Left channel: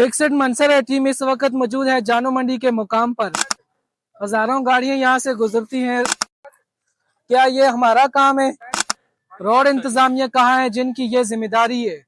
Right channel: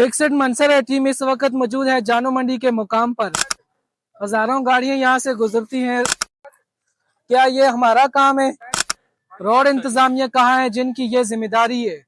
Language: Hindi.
फिक्स्ड मंसर है टीम इस वक्त मौजूद है जानू मंडी के मुकाम पर। हजारों गाड़ियां यहां से गुजरती हैं। क्या ये हमारा काम है? रोड इंतजामिया कहाँ है जिनकी ये जिम्मेदारी है?